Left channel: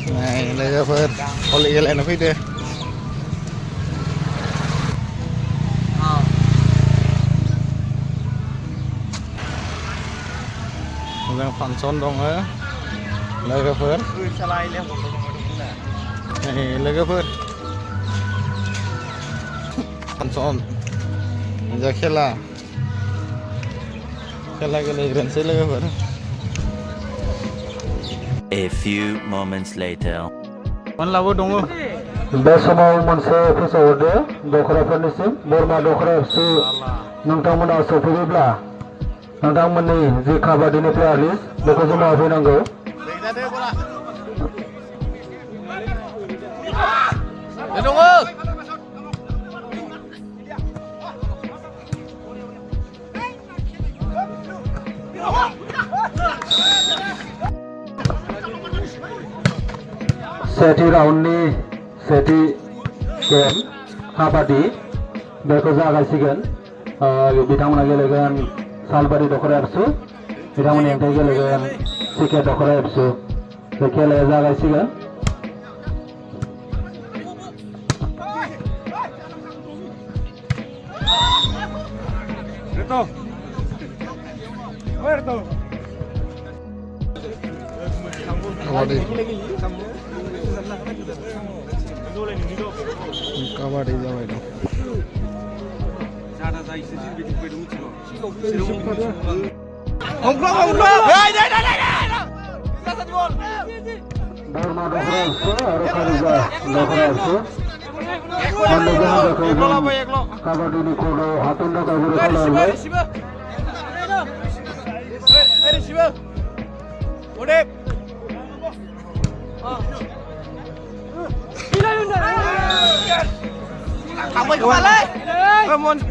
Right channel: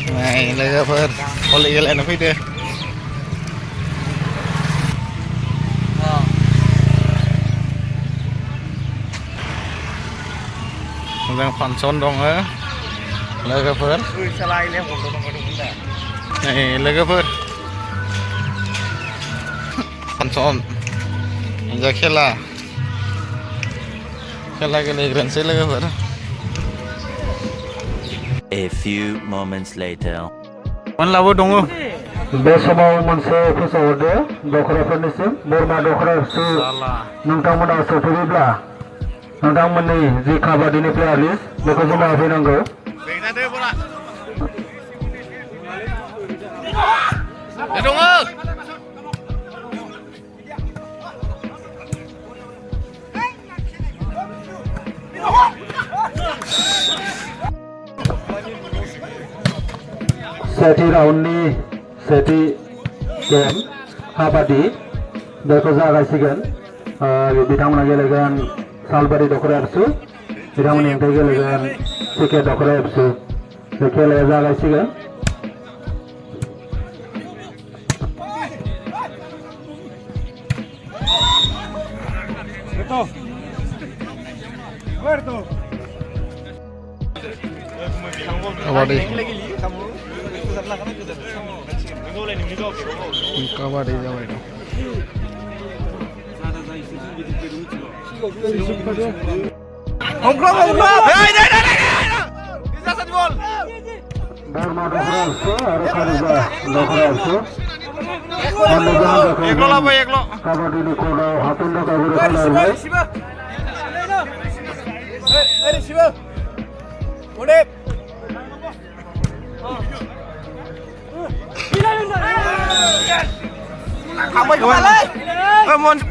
Này लोगोफोर भलि गेलेनो फैदो मोजां फांसन दङ लोगोफोर नै लोगोफोर फांसन जा खेला गेलेग्रोनोसै लोगोफोर A few moments later. मोनलाबो दङ बे समाव मोनसे फोसावहरदो दख'राफोरनिसिम बोरमा दख'रासो नोंथांमोना सफैयोब्ला नोंथांमोननि जि काबादिनि प्लेयार लिस्ट बेखौ बुंना होफैनांगौ सेथि राउन्डनि सेथि गेम काबादि बेखौ जागायसिगोन बिथांमोना गेलेगोन सालबारि दख'रा एबसु बिथांमोननि हेंथायै गेलेगोन सिके दख'रा एबसु बे खेलाया जागायसिगोन काबादि जाबाय दं बोरमा दख'रा एबसु आरो कारिजा दख'रा एबसु मोननैबो हान्जाखौ काबादिनि कर्टआव हाथन थाखाय गुरै खालामबाय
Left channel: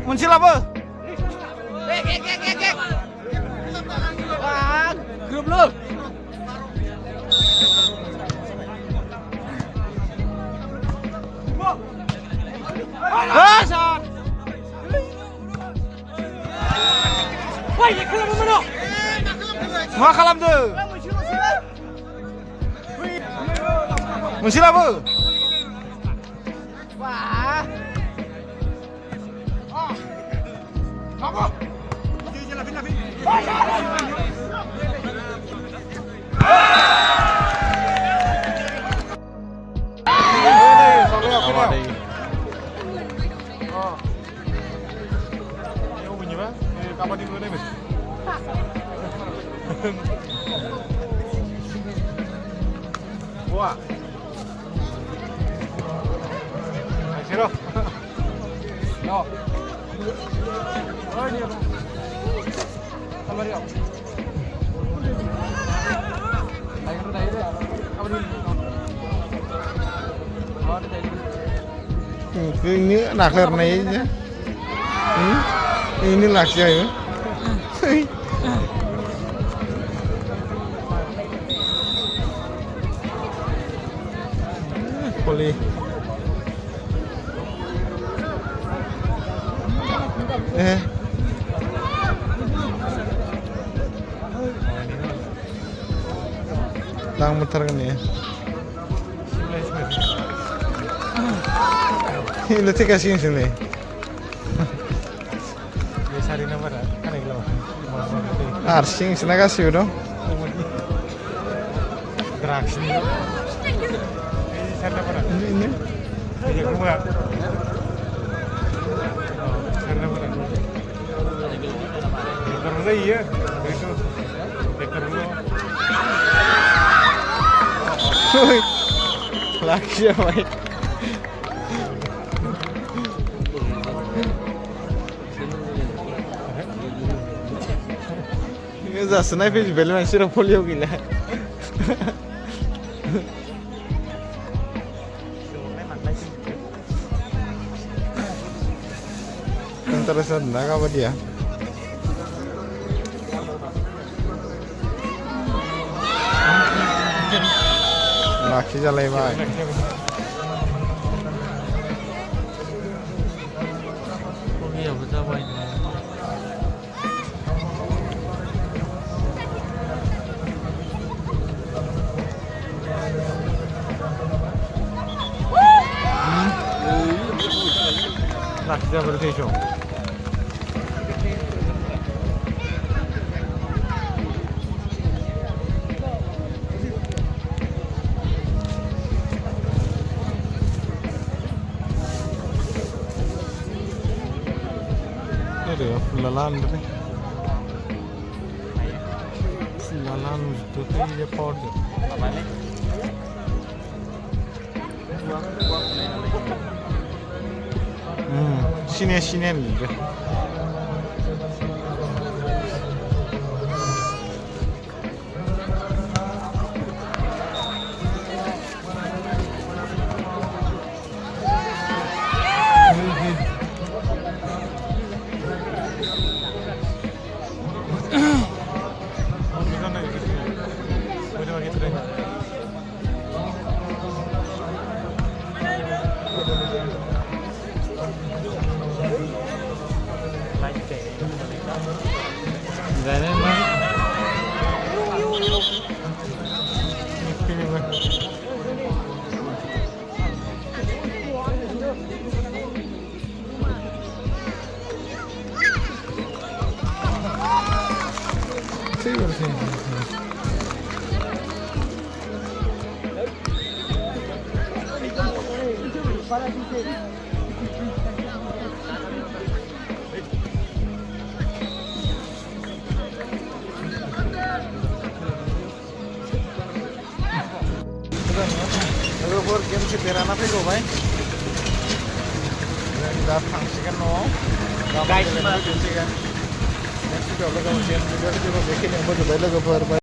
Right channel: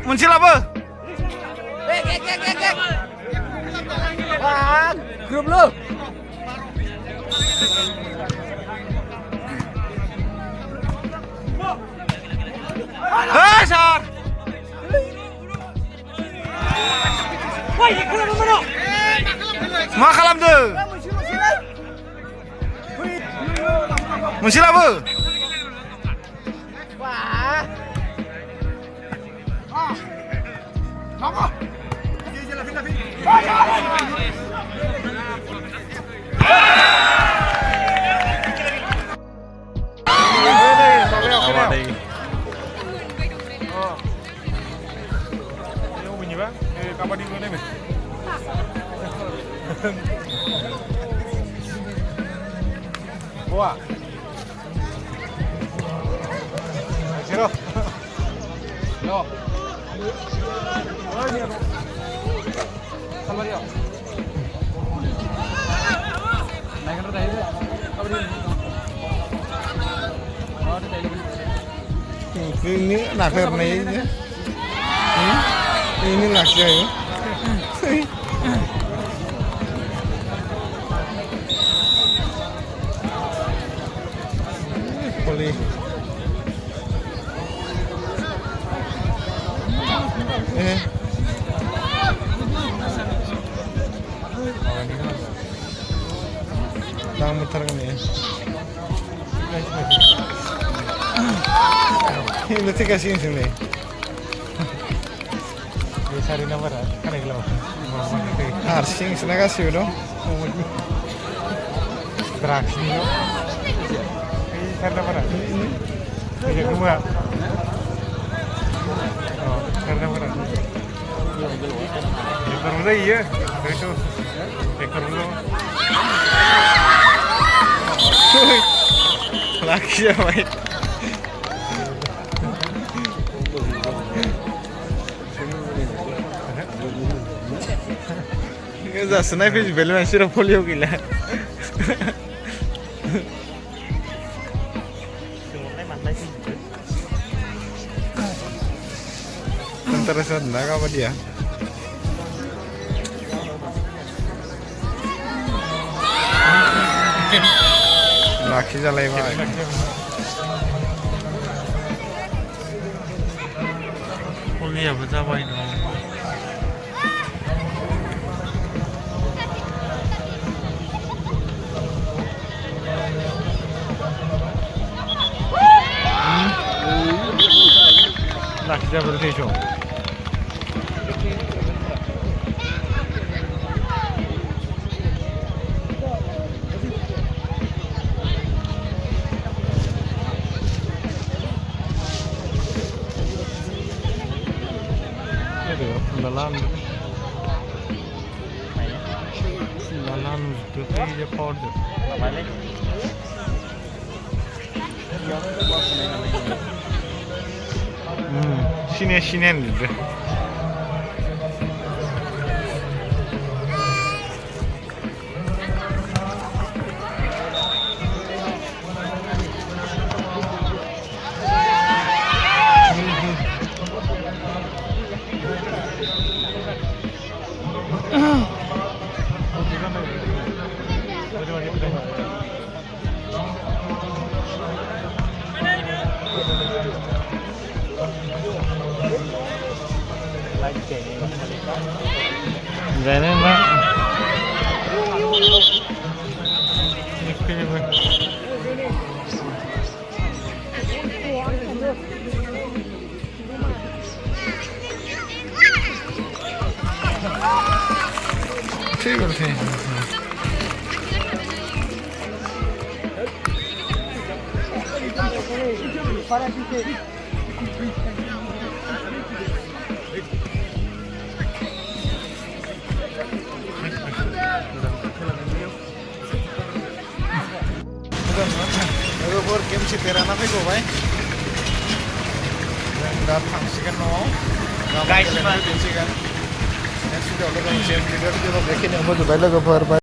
मोनसे लाबो मा खालामदो मोनसे लाबो काबादि नुनायमोन Wah. Ayo. Oh. Ini nak lernya. Ini laki ya. Poli. Lang muter kan ya. Ini sih kasih sini. Biasa nama kan yang lawan. Arsing sini kasih udah. Teraksi lo. Karena mana? Ini kedua. Oh, karena mana? Terus iya, itu. Terus. Lagi ya, Pak. Ini sniper di belakang sirap polio gila. Tentara sana apa dia? Laki jalai mah. Poli apa coba ini? जाबोर थैस' Aduh, pelalan gitu. Pelalan itu aja powder. Sini gitu. Gak enak. Ini gue. Sih. लोगोफोर game सेफेराना फैगौबाय जों दा थांसिगोन न'आव गाबोन गेलेनो फैफिनसिगोन next video लोगो मोनसिगोन video बेखिनियाव फोजोबबाय लोगोफोर।